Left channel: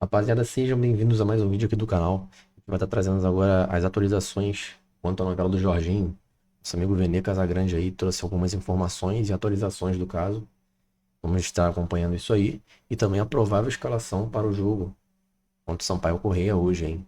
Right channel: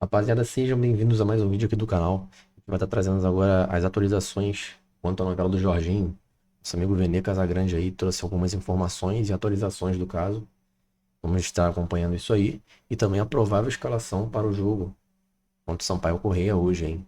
Rapaziada, sejam bem-vindos a mais um vídeo aqui do canal. A gente vai estar trazendo agora as atualizações quanto à novela do Jorginho. Nosso amigo Vene Casagrande aí trouxe algumas informações e atualizações do caso. Vamos estar acompanhando isso aí. E também a provável escalação para o jogo contra o Sampaio Corrêa hoje, hein?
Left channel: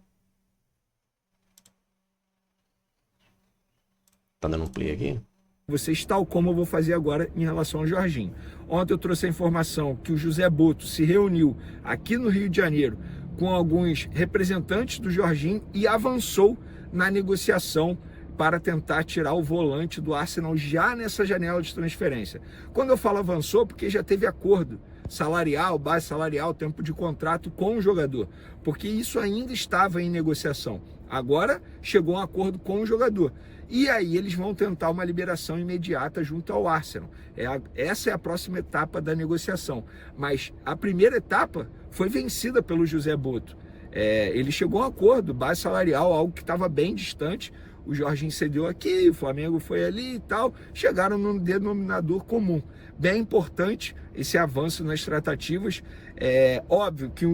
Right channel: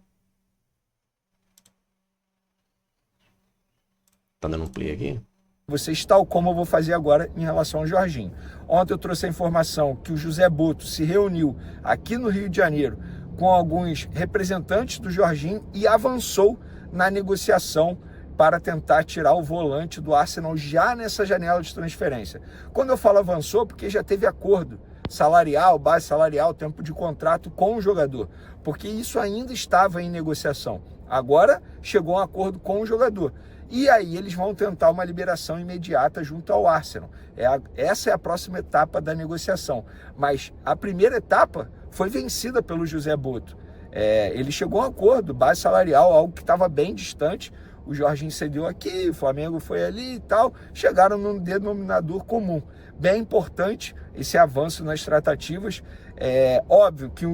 Tá dando um play aqui? Vocês, tal como eu vou fazer agora em relação ao Jorginho. Ontem eu trouxe a informação que o José Boto se reuniu aqui no Rio de Janeiro com alguns representantes do Jorginho e avançou na negociação para tentar tirar o volante do Arsenal já nessa janela de transferência. Quando eu falo avançou, porque já teve acordo salarial, base salarial, tempo de contrato com o jogador, porque isso ainda estava em negociação. Agora chegou a um acordo com o jogador. E aí eles vão tentar uma liberação imediata junto ao Arsenal. Essa é a próxima etapa da negociação. Mas a primeira etapa foi vencida pelo José Boto. Ele chegou a um acordo, base salarial, algo que estava bem distante. O Jorginho cedeu aqui, o Flamengo foi ali e tal. Chegaram num denominador comum. Bem importante esse avanço nas tratativas. É óbvio que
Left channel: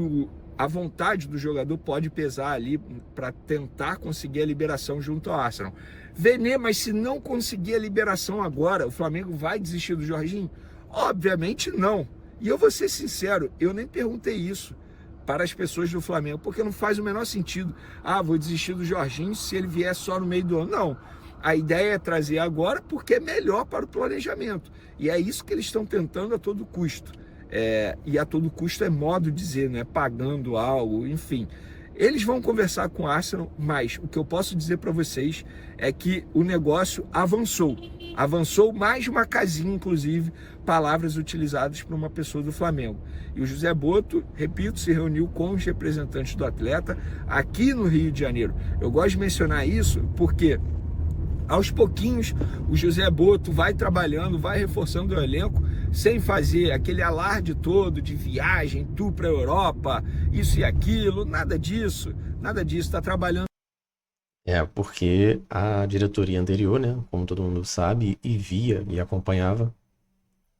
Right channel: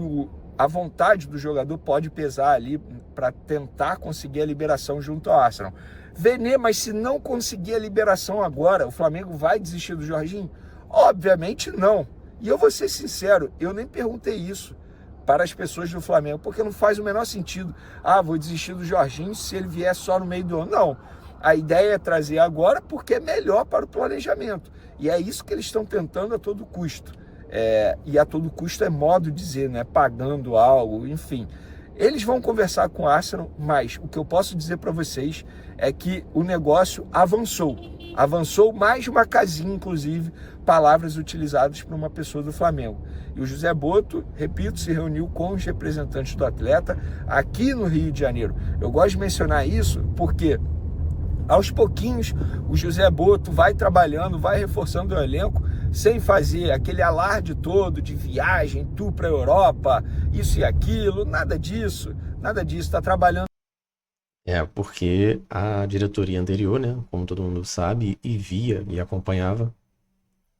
a vontade do jogador pode pesar ali para tentar conseguir a liberação junto ao Arsenal. Vene, mas se não conseguir a liberação agora, o Flamengo vai desistir do Jorginho? Obviamente não. E eu vou ser sincero, eu nem perguntei isso para as pessoas do Flamengo, porque não faz o menor sentido. Ah, vou desistir do Jorginho se ele vier só no meio do ano. Não. A ideia é trazer agora porque é melhor para o planejamento. E é isso que eles estão tentando a todo custo. E a todo custo é modo de dizer, né? Pagando algo, enfim. Eles vão conversar com o Arsenal, mas o que eu posso dizer para vocês é que o negócio avançou. Avançou mais de uma casinha, inclusive, palavras utilizadas por uma pessoa do Flamengo. E o José Boto, repito, se reuniu com os representantes do atleta aqui no Rio de Janeiro. Eu gosto de mencionar isso porque aos pouquinhos o José Boto vai trabalhando, vai reforçando o elenco, sem fazer aquele alarde todo de viagem, tour para a Europa, isso e aquilo, nada disso, está trabalhando. Porque a diretoria anterior, né, como todo mundo sabe e via e acompanhava,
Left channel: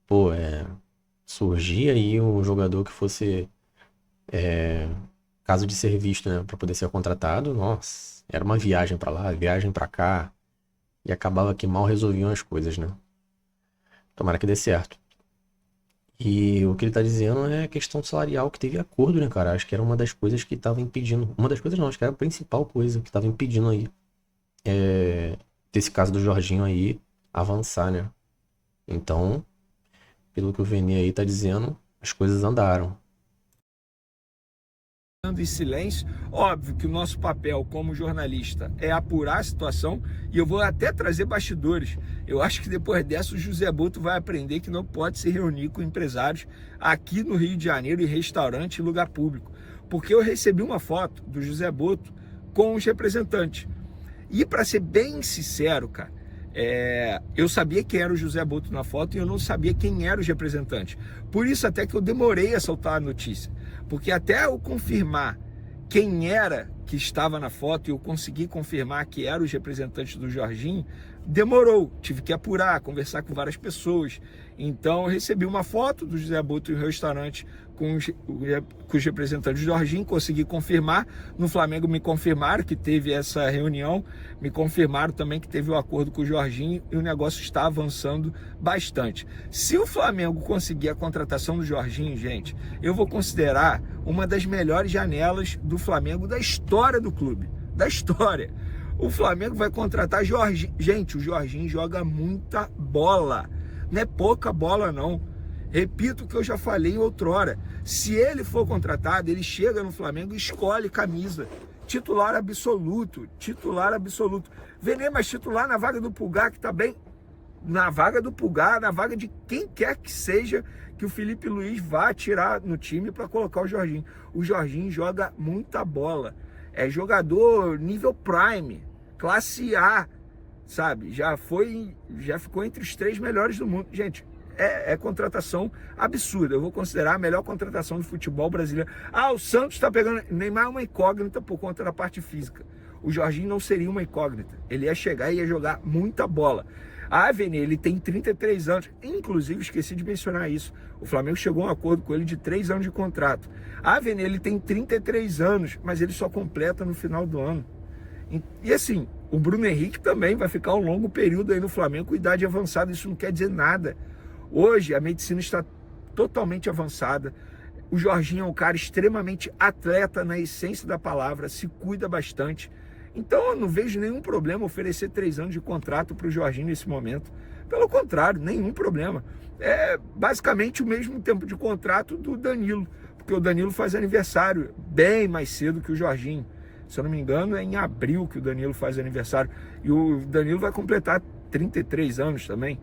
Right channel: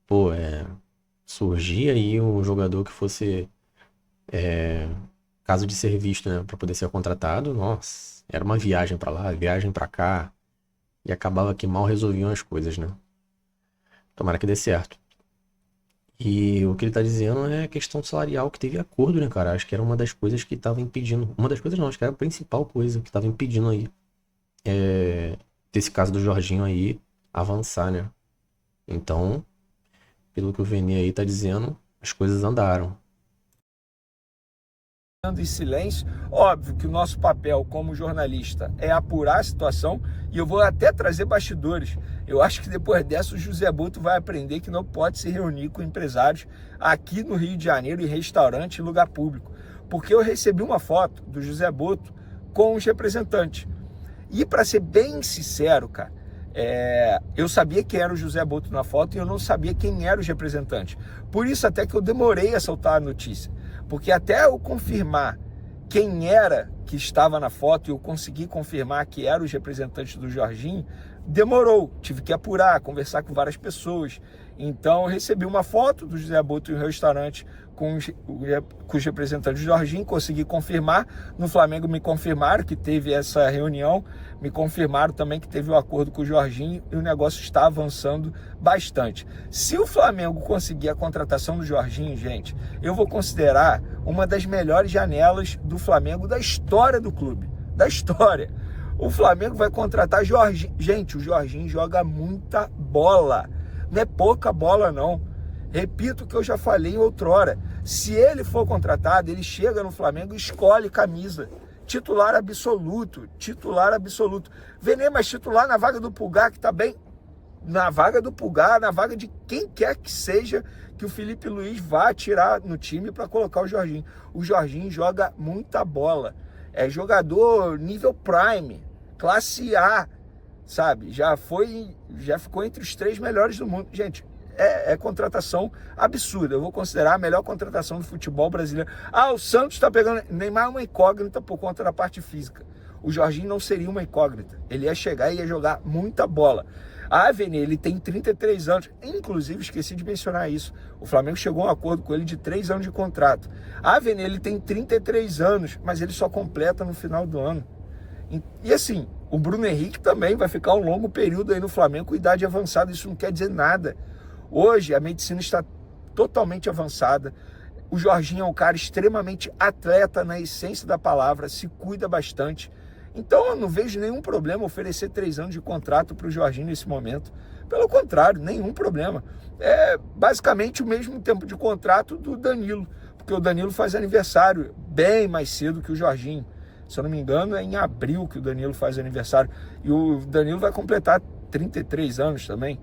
pô, surgia aí um jogador que fosse caso de ser visto, né, para poder ser contratado. Nossa, era uma viagem para lá, viagem para cá, e acabava que mal resolviam as coisas, né? Tomara que dê certo. E o que ele tá dizendo é a questão salarial, que teve acordo, né, cara? Acho que era uma das coisas que tava impedindo. Uma das coisas não, acho que era a principal coisa que tava impedindo aí. Desse caso do Jorginho aí avançar, né? Então, pelo que o Vene aí tá dizendo, as coisas andaram. Em silêncio. Óbvio que o nosso papel como jornalista é apurar a situação e eu vou até trazer bastidores. Eu acho que depois dessa o José Boto vai aprender que não pode se reunir com empresários aqui no Rio de Janeiro em restaurante e lugar público. Porque eu recebi uma foto do José Boto com os representantes. E para ser bem sincero, cara, eu sabia quem era o José Boto na foto e eu não sabia quem eram os representantes. Por isso até que eu demorei a soltar a notícia. Porque até eu confirmar quem era que estava na foto e eu consegui confirmar que eram os representantes do Jorginho, demorou. Tive que apurar, conversar com várias pessoas. Então eu recebi uma foto do José Boto em um restaurante com os representantes do Jorginho, consegui confirmar. No Flamengo me confirmaram que teve essa reunião, me confirmaram também que teve um acordo com o Jorginho e o negócio está avançando bastante. Se o Flamengo conseguir a contratação do Jorginho, gente, eu vou considerar uma das melhores janelas do Flamengo da história do clube, da história. O Flamengo vai contratar Jorginho. Gente, o Jorginho joga muita bola, não é pouca bola não. Repito o que eu já falei outrora. Se ele for contratado, ele chega no Flamengo e escolhe camisa. Titular absoluto, titular absoluto. Vene, mas titular na vaga do Pulgar, que tá bem. Na vaga do Pulgar, na vaga de quem quer que seja que o Felipe Luiz vá tirar no time para colocar o Jorginho. O Jorginho joga muita bola. É jogador nível Prime, classe A, sabe? Já ficou entre os 3 melhores do mundo. Gente, é contratação absurda. Eu vou considerar a melhor contratação do futebol brasileiro. Ah, o Santos está pegando... Neymar é uma incógnita por conta da parte física. O Jorginho não seria uma incógnita. Ele ia chegar e ia jogar muita bola. Ah, Vini, ele tem 33 anos. Inclusive, esqueci de mencionar isso. O Flamengo chegou a um acordo com ele de 3 anos de contrato. Ah, Vini, ele tem 33 anos, mas ele só completa no final do ano. E assim, o Bruno Henrique também vai ficar um longo período aí no Flamengo com idade avançada. Isso não quer dizer nada. Hoje, a medicina está totalmente avançada. O Jorginho é um cara extremamente atleta na essência da palavra, se cuida bastante. Então eu não vejo nenhum problema oferecer 3 anos de contrato para o Jorginho nesse momento. Pelo contrário, nenhum problema. É basicamente o mesmo tempo de contrato do Danilo, porque o Danilo faz aniversário bem mais cedo que o Jorginho. Se eu não me engano, é em abril que o Danilo faz aniversário. E o Danilo vai completar 33 anos também.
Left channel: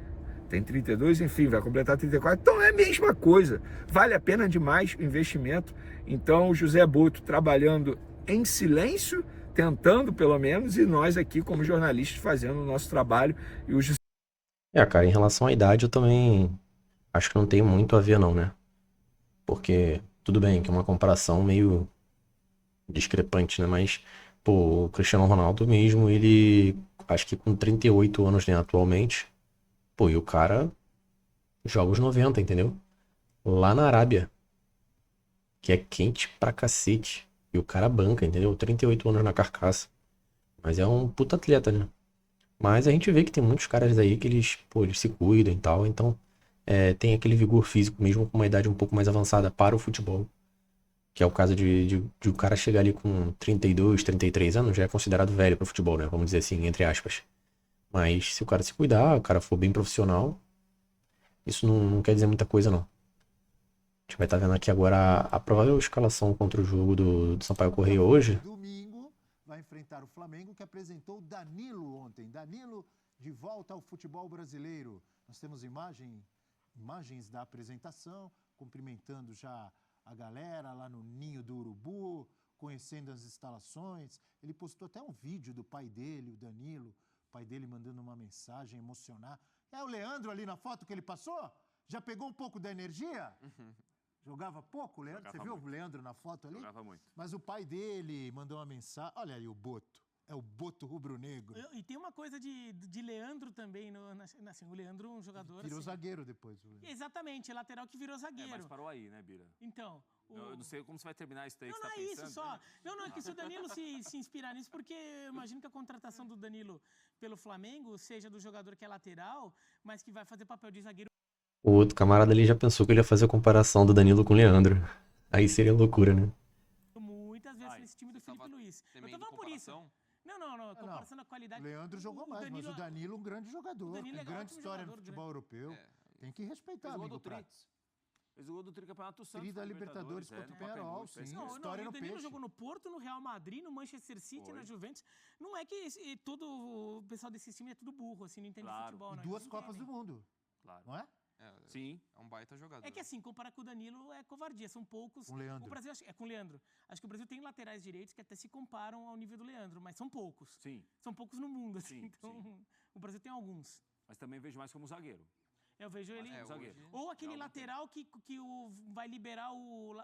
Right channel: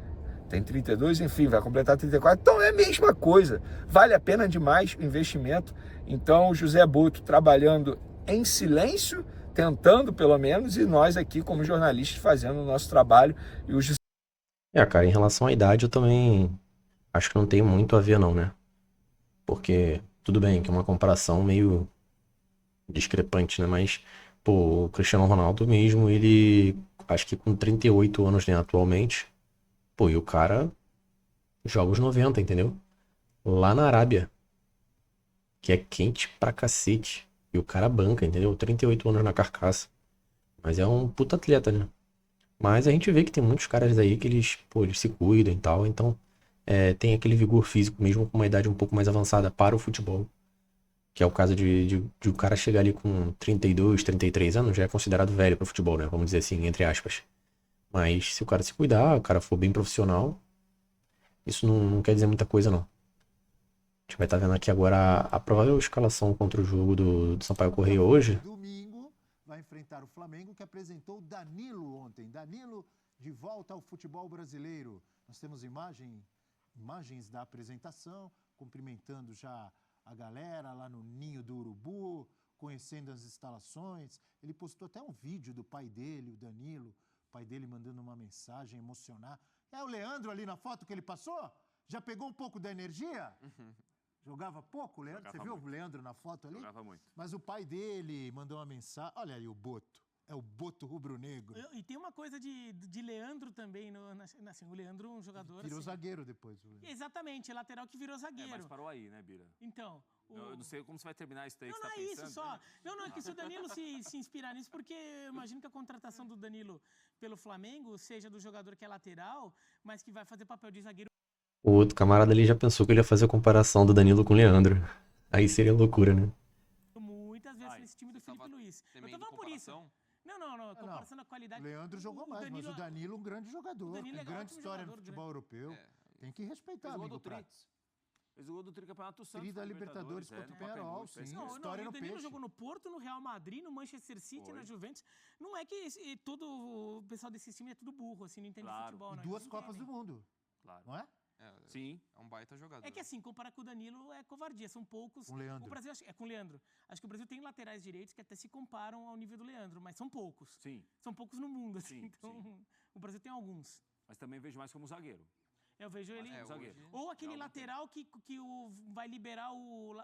Tem 32, enfim, vai completar 34. Então é a mesma coisa. Vale a pena demais o investimento. Então o José Boto trabalhando em silêncio, tentando pelo menos, e nós aqui como jornalistas fazendo o nosso trabalho. E o José... Cara, em relação à idade eu também acho que não tem muito a ver não, né? Porque tudo bem que é uma comparação meio discrepante, né? Mas, pô, o Cristiano Ronaldo mesmo, ele acho que com 38 anos, né, atualmente, pô, e o cara joga os 90, entendeu? Lá na Arábia, que é quente pra cacete. E o cara banca, entendeu? 38 anos na carcaça. Mas é um puta atleta, né? Mas a gente vê que tem muitos caras aí que eles, pô, eles se cuidam e tal. Então, tem aquele vigor físico mesmo com uma idade um pouco mais avançada para o futebol. Que é o caso de o cara chegar ali com 32, 33 anos, já é considerado velho pro futebol, né? Vamos dizer assim, entre aspas. Mas se o cara se cuidar, o cara for bem profissional, isso não quer dizer muita coisa, não. A gente vai estar vendo aqui agora a provável escalação contra o jogo do Sampaio Corrêa hoje. Domingo vai enfrentar o Flamengo, que apresentou Danilo ontem. Danilo de volta ao futebol brasileiro. Nós temos imagens da apresentação, cumprimentando já a galera lá no Ninho do Urubu, conhecendo as instalações. Ele postou até um vídeo do pai dele, o Danilo, o pai dele mandando uma mensagem emocionar. É o Leandro ali na foto que ele passou? Já pegou um pouco da energia? Jogava pouco, o Leandro? Você viu o Leandro na foto ali? Jogava muito. Mas o pai dele mandou uma mensagem. Olha aí o Boto. É o Boto rubro-negro. E tem uma coisa de Leandro também. Assim, o Leandro é um jogador. Virou assim, zagueiro depois. O Leandro. Exatamente, é lateral que virou zagueiro. Mas parou aí, né, Bira? Então. Eu não sei como você vai terminar isso daí Não, que você não tá é pensando. isso só. Não, é que se o Danilo se inspirar nisso, porque eu imagino que a contratação do Danilo pelo Flamengo seja do jogador que é lateral, mas que vai fazer papel de zagueiro. O outro camarada ali já pensou que ele ia fazer a comparação do Danilo com o Leandro. Aí seria loucura, né? Muitas vezes nesse time do Felipe Luiz. Eu tô falando por isso. Não, comparação da qualidade. O Leandro jogou mais, mas o Danilo um grande jogador. Tem grande história no futebol europeu. Tem que respeitar, amigo Prats. Fez o gol do Tricampeonato Santos. Tri da Libertadores contra o Penharol, sim. História no o Danilo peixe. jogou no Porto, no Real Madrid, no Manchester City, na Juventus. Não é que todo o pessoal desse time é tudo burro, assim, não entende de futebol. E não. 2 Copas do Mundo. Claro. Não é? Sim. É um baita jogador. É que assim, comparar com o Danilo é covardia, são poucos. Com o Leandro. O Brasil, é com o Leandro. Acho que o Brasil tem laterais direitos que até se comparam ao nível do Leandro, mas são poucos. Sim. São poucos no mundo, assim. Sim, Então, sim. o Brasil tem alguns. Mas também vejo mais como zagueiro. Eu vejo ele. zagueiro. Ou aquele lateral que vai liberar o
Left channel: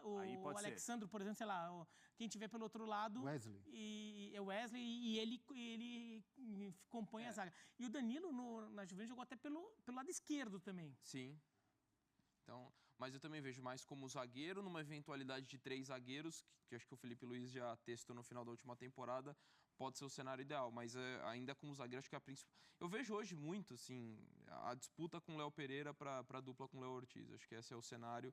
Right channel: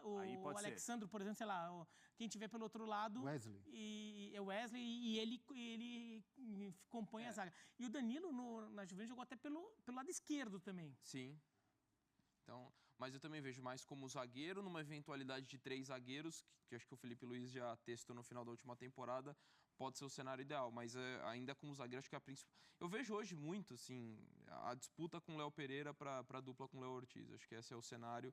Alexandre, por exemplo, sei lá, quem tiver pelo outro lado. Wesley. E é o Wesley e ele compõe a zaga. E o Danilo na Juventus jogou até pelo lado esquerdo também. Sim. Então, mas eu também vejo mais como zagueiro, numa eventualidade de 3 zagueiros, que acho que o Felipe Luiz já testou no final da última temporada, pode ser o cenário ideal, mas ainda como zagueiro, acho que é a principal. Eu vejo hoje muito, assim, a disputa com o Léo Pereira para a dupla com o Léo Ortiz. Acho que esse é o cenário,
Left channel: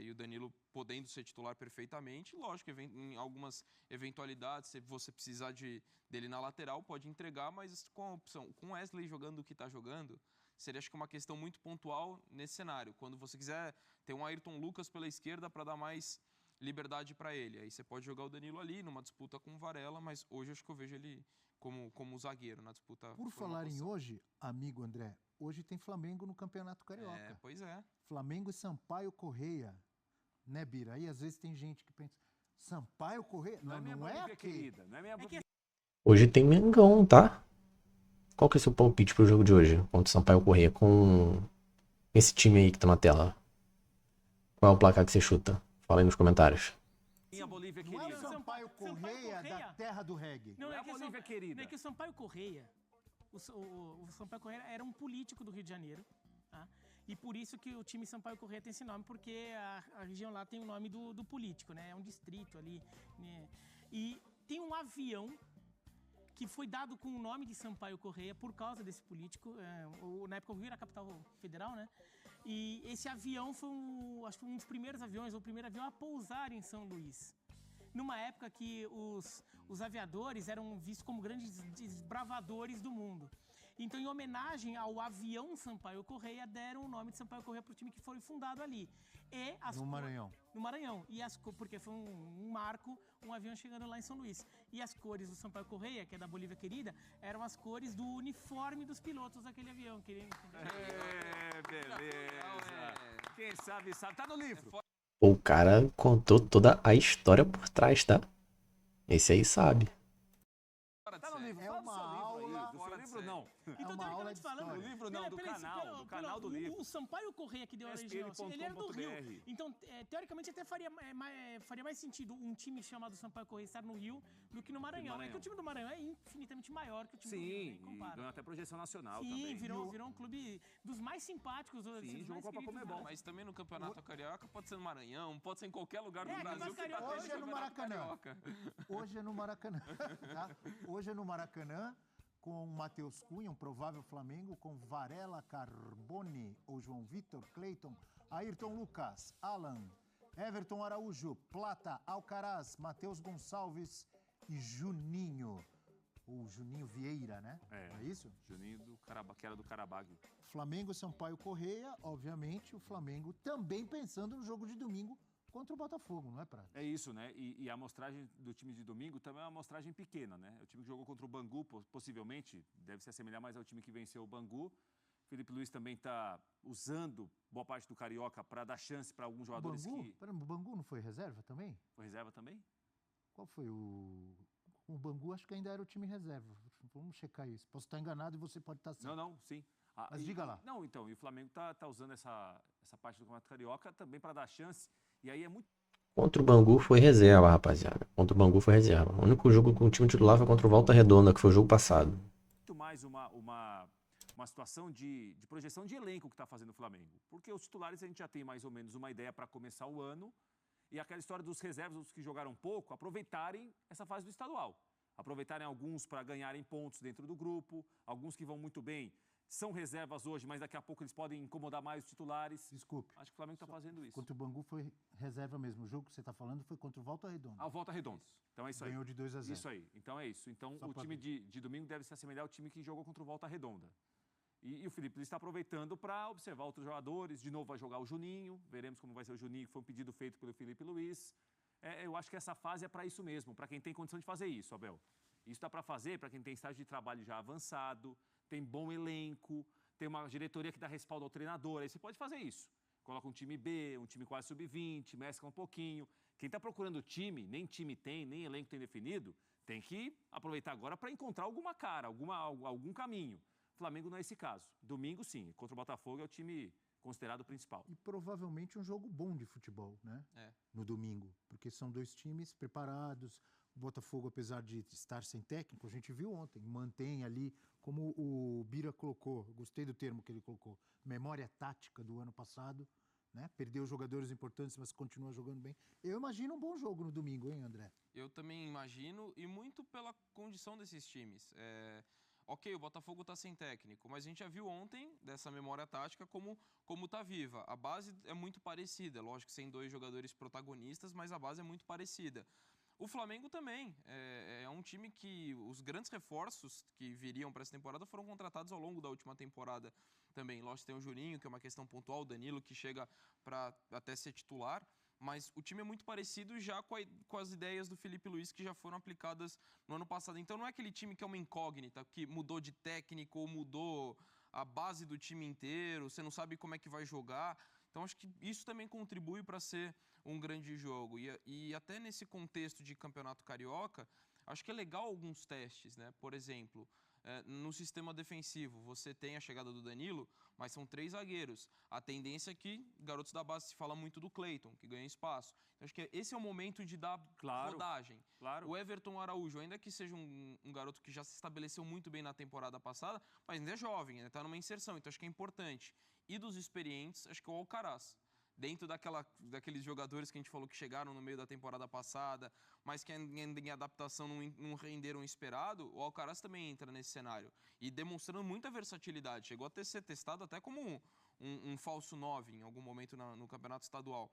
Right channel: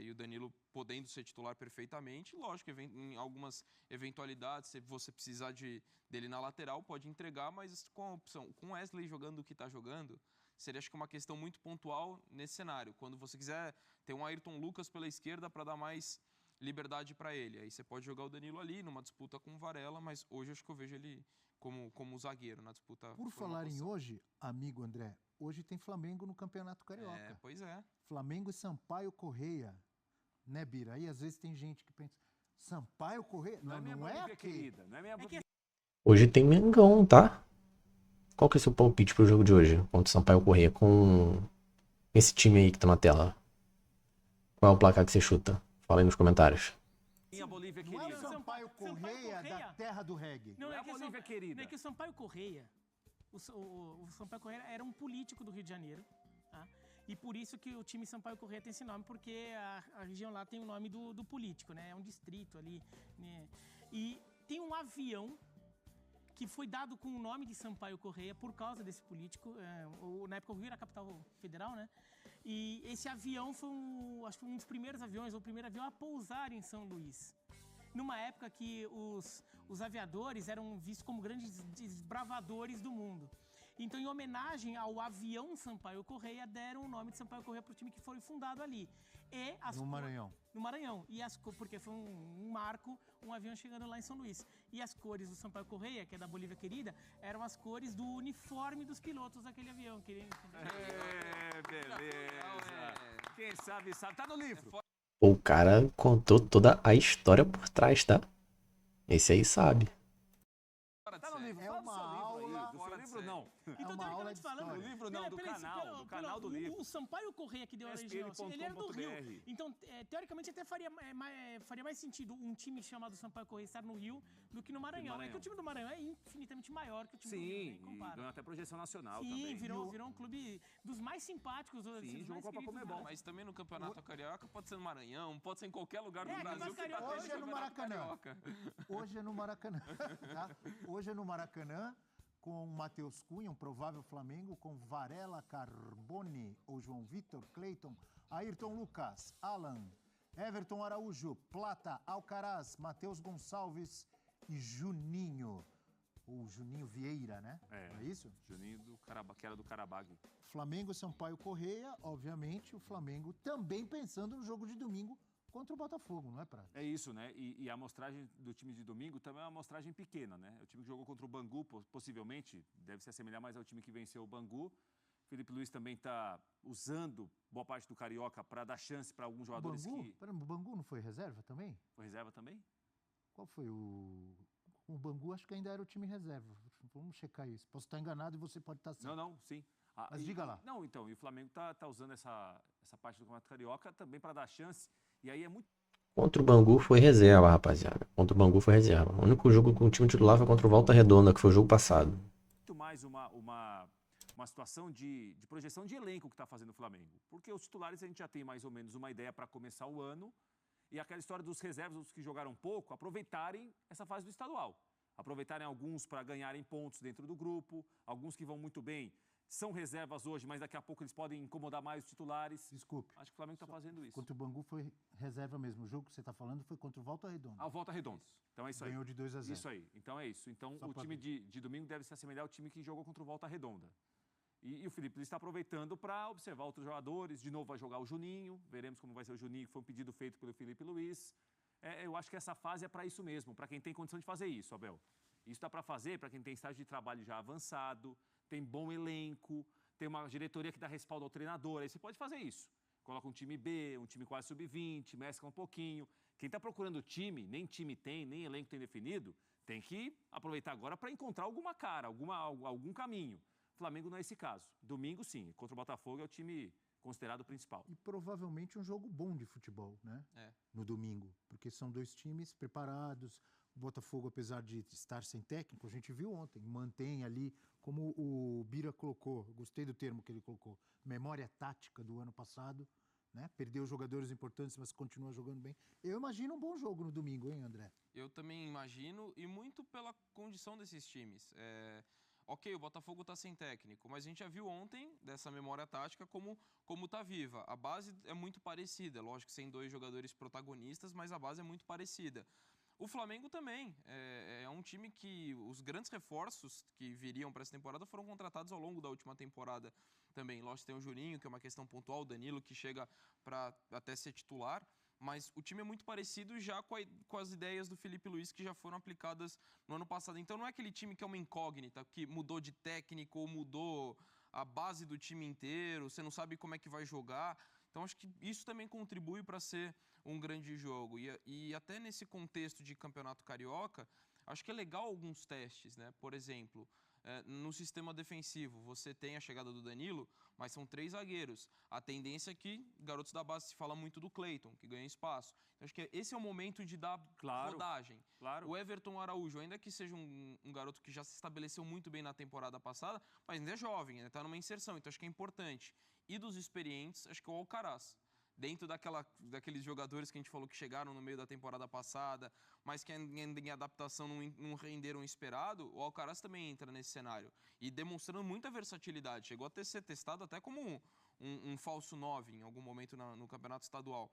e o Danilo podendo ser titular perfeitamente. Lógico, em algumas eventualidades, se você precisar dele na lateral, pode entregar, mas com a opção, com o Wesley jogando o que está jogando, seria acho que uma questão muito pontual nesse cenário. Quando você quiser ter um Ayrton Lucas pela esquerda para dar mais liberdade para ele. Aí você pode jogar o Danilo ali numa disputa com o Varela, mas hoje acho que eu vejo ele como zagueiro na disputa. Por falar em hoje, amigo André, hoje tem Flamengo no Campeonato Carioca. Pois é. Flamengo e Sampaio Corrêa. Né, Bira? Aí às vezes tem gente que pensa, Sampaio Corrêa? Não é minha Bolívia aquele. querida. Não é minha Bolívia. Hoje tem Mengão, tá? Qual que é o seu palpite pro jogo de hoje contra o Sampaio Corrêa com esse time aí que tá na tela? Qual é o placar que você chuta? Fala aí nos comentários. Minha Bolívia Não é o querida. Sampaio Corrêa da terra do reggae. Não é é a que Bolívia querida. Não é que o Sampaio Corrêa, o Sampaio Corrêa era um político do Rio de Janeiro, tá? E por isso que o time Sampaio Corrêa tem esse nome, porque a região lá tem o nome do político, né? É um distrito ali, né? E tem um avião que foi dado com o nome de Sampaio Corrêa por causa desse político. Na época o Rio era a capital federal, né? E esse avião foi, acho que um dos primeiros aviões, ou o primeiro avião a pousar em São Luís. Numa época que os aviadores eram vistos como grandes desbravadores do mundo. Então, em homenagem ao avião Sampaio Corrêa, deram o nome de Sampaio Corrêa para o time que foi fundado ali. No Maranhão. No Maranhão. Porque foi um marco, um avião chegando lá em São Luís. E as cores do Sampaio Corrêa, que é da Bolívia querida, eram as cores do uniforme dos pilotos daquele avião. Beleza. Quem sabe, sabe. Tá no livro. O cara contou toda a história por trás, tá? Esse aí sabe. Tá no livro. É Fala uma do seu livro aula- aí. Do seu livro, não. Então, uma aula teoricamente de falando, história. Do livro não, do canal do livro. O Sampaio Corrêa que deu a origem ao ele era do Rio. SPN.com.br. Então, teoricamente, até faria mais sentido um time chamado Sampaio Corrêa estar no Rio do que no Maranhão. É que o time do Maranhão é infinitamente maior que o time do Rio, Sim, né? e Compara. ganhou até projeção nacional Sim, também. virou um clube dos mais simpáticos. dos Sim, mais jogou Copa queridos Comebol. lá. Mas também no Campeonato Carioca pode ser no Maranhão, pode ser em qualquer lugar do É, Brasil Campeonato que tá Carioca. tendo Hoje é no Campeonato Maracanã. Carioca. Hoje é no Maracanã, tá? Hoje é no Maracanã, com Matheus Cunha, um provável Flamengo, com Varela, Carbone, ou João Vitor, Cleiton, Ayrton Lucas, Alan, Everton Araújo, Plata, Alcaraz, Matheus Gonçalves e Juninho. Ou Juninho Vieira, né? É. Não é isso? Juninho que era do Carabag. Flamengo e Sampaio Corrêa, obviamente, o Flamengo também pensando no jogo de domingo contra o Botafogo, não é, Prata? É isso, né? E a amostragem do time de domingo também é uma amostragem pequena, né? O time que jogou contra o Bangu, possivelmente, deve se assemelhar mais ao time que venceu o Bangu. Felipe Luiz também está usando boa parte do Carioca para dar chance para alguns jogadores Bangu? que... Pera, o Bangu não foi reserva também? Foi reserva também? Qual foi o... O Bangu acho que ainda era o time reserva. Vamos checar isso. Posso estar enganado e você pode estar certo. Não, sim. Mas diga lá. Não, então, e o Flamengo tá usando essa parte do Campeonato Carioca também para dar chance. E aí é muito Contra o Bangu foi reserva, rapaziada. Contra o Bangu foi reserva. O único jogo com o time titular foi contra o Volta Redonda, que foi o jogo passado. mais uma situação de projeção de elenco que está fazendo o Flamengo. Porque os titulares a gente já tem mais ou menos uma ideia para começar o ano. E aquela história dos reservas, os que jogaram pouco, aproveitarem essa fase do estadual. Aproveitarem alguns para ganharem pontos dentro do grupo. Alguns que vão muito bem são reservas hoje, mas daqui a pouco eles podem incomodar mais os titulares. Desculpe. Acho que o Flamengo está fazendo isso. Contra o Bangu foi reserva mesmo. O jogo que você está falando foi contra o Volta Redonda. A volta redonda. Então é isso aí. Ganhou de 2-0. Isso aí. Então é isso. Então Só o pra time ver. de domingo deve se assemelhar ao time que jogou contra o Volta Redonda. E o Felipe Luiz está aproveitando para observar outros jogadores. De novo vai jogar o Juninho. Veremos como vai ser o Juninho, que foi um pedido feito pelo Felipe Luiz. Eu acho que essa fase é para isso mesmo, para quem tem condição de fazer isso, Abel. Isso dá para fazer para quem tem estágio de trabalho já avançado, tem bom elenco, tem uma diretoria que dá respaldo ao treinador. Aí você pode fazer isso. Coloca um time B, um time quase sub-20, mescla um pouquinho. Quem está procurando time, nem time tem, nem elenco tem definido, tem que aproveitar agora para encontrar alguma cara, algum caminho. O Flamengo não é esse caso. Domingo, sim. Contra o Botafogo é o time considerado principal. E provavelmente um jogo bom de futebol, né? No domingo. Porque são dois times preparados. O Botafogo, apesar de estar sem técnico, a gente viu ontem, mantém ali, como o Bira colocou, gostei do termo que ele colocou, memória tática do ano passado, né? Perdeu jogadores importantes, mas continua jogando bem. Eu imagino um bom jogo no domingo, hein, André? Eu também imagino, e muito pela condição desses times. Ok, o Botafogo está sem técnico, mas a gente já viu ontem, dessa memória tática, como tá viva. A base é muito parecida, lógico que sem dois jogadores protagonistas, mas a base é muito parecida. O Flamengo também, é um time que os grandes reforços que viriam para essa temporada foram contratados ao longo da última temporada também. Lógico que tem o Juninho, que é uma questão pontual, o Danilo, que chega para até ser titular, mas o time é muito parecido já com as ideias do Felipe Luiz que já foram aplicadas no ano passado. Então não é aquele time que é uma incógnita, que mudou de técnico ou mudou a base do time inteiro, você não sabe como é que vai jogar. Então acho que isso também contribui para ser um grande jogo. E até nesse contexto de campeonato carioca, acho que é legal alguns testes, né? Por exemplo, no sistema defensivo, você tem a chegada do Danilo, mas são 3 zagueiros. A tendência é que garotos da base, se fala muito do Cleiton, que ganha espaço. Então, acho que esse é o momento de dar rodagem. Claro. O Everton Araújo, ainda que seja um garoto que já se estabeleceu muito bem na temporada passada, mas ainda é jovem, ainda está numa inserção, então acho que é importante. E dos experientes, acho que é o Alcaraz. Dentro daqueles jogadores que a gente falou que chegaram no meio da temporada passada, mas que em adaptação não renderam o esperado, o Alcaraz também entra nesse cenário. E demonstrando muita versatilidade. Chegou a ser testado até como um falso 9 em algum momento no campeonato estadual.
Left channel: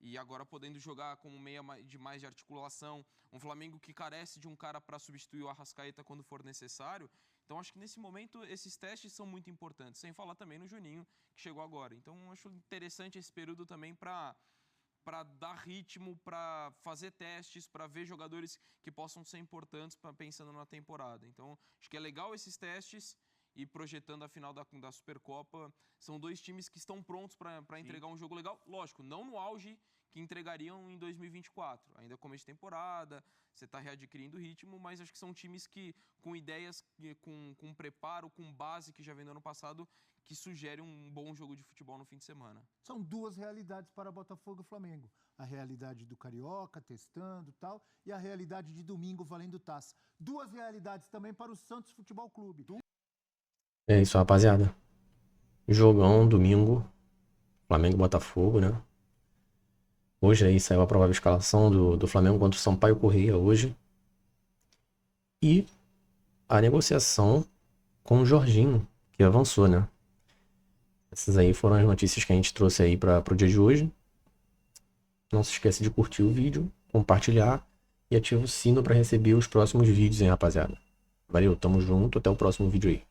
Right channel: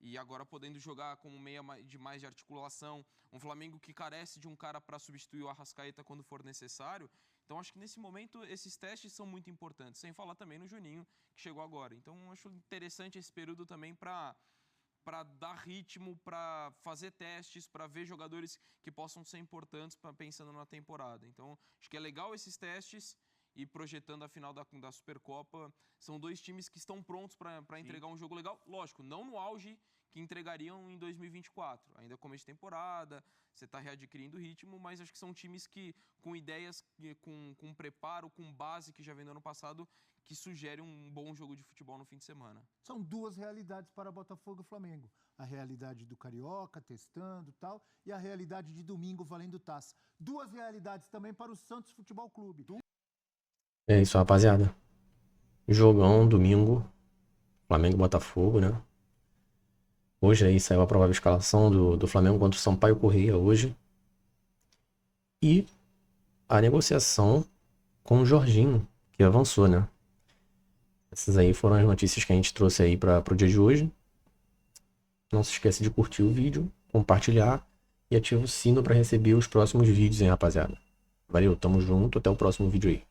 E agora podendo jogar como meia de mais de articulação. Um Flamengo que carece de um cara para substituir o Arrascaeta quando for necessário. Então acho que nesse momento esses testes são muito importantes. Sem falar também no Juninho, que chegou agora. Então acho interessante esse período também para dar ritmo, para fazer testes, para ver jogadores que possam ser importantes pensando na temporada. Então acho que é legal esses testes. E projetando a final da Supercopa, são 2 times que estão prontos para entregar um jogo legal. Lógico, não no auge que entregariam em 2024. Ainda é começo de temporada, você está readquirindo ritmo, mas acho que são times que, com ideias, com preparo, com base que já vem do ano passado, que sugere um bom jogo de futebol no fim de semana. São 2 realidades para Botafogo e Flamengo. A realidade do Carioca, testando e tal, e a realidade de domingo, valendo taça. 2 realidades também para o Santos Futebol Clube. É isso, rapaziada. Jogão, domingo. Flamengo e Botafogo, né? Hoje aí saiu a provável escalação do Flamengo contra o Sampaio Corrêa hoje. E a negociação com o Jorginho, que avançou, né? Essas aí foram as notícias que a gente trouxe aí para o dia de hoje. Não se esqueça de curtir o vídeo, compartilhar e ativa o sino para receber os próximos vídeos, hein, rapaziada? Valeu, tamo junto, até o próximo vídeo aí.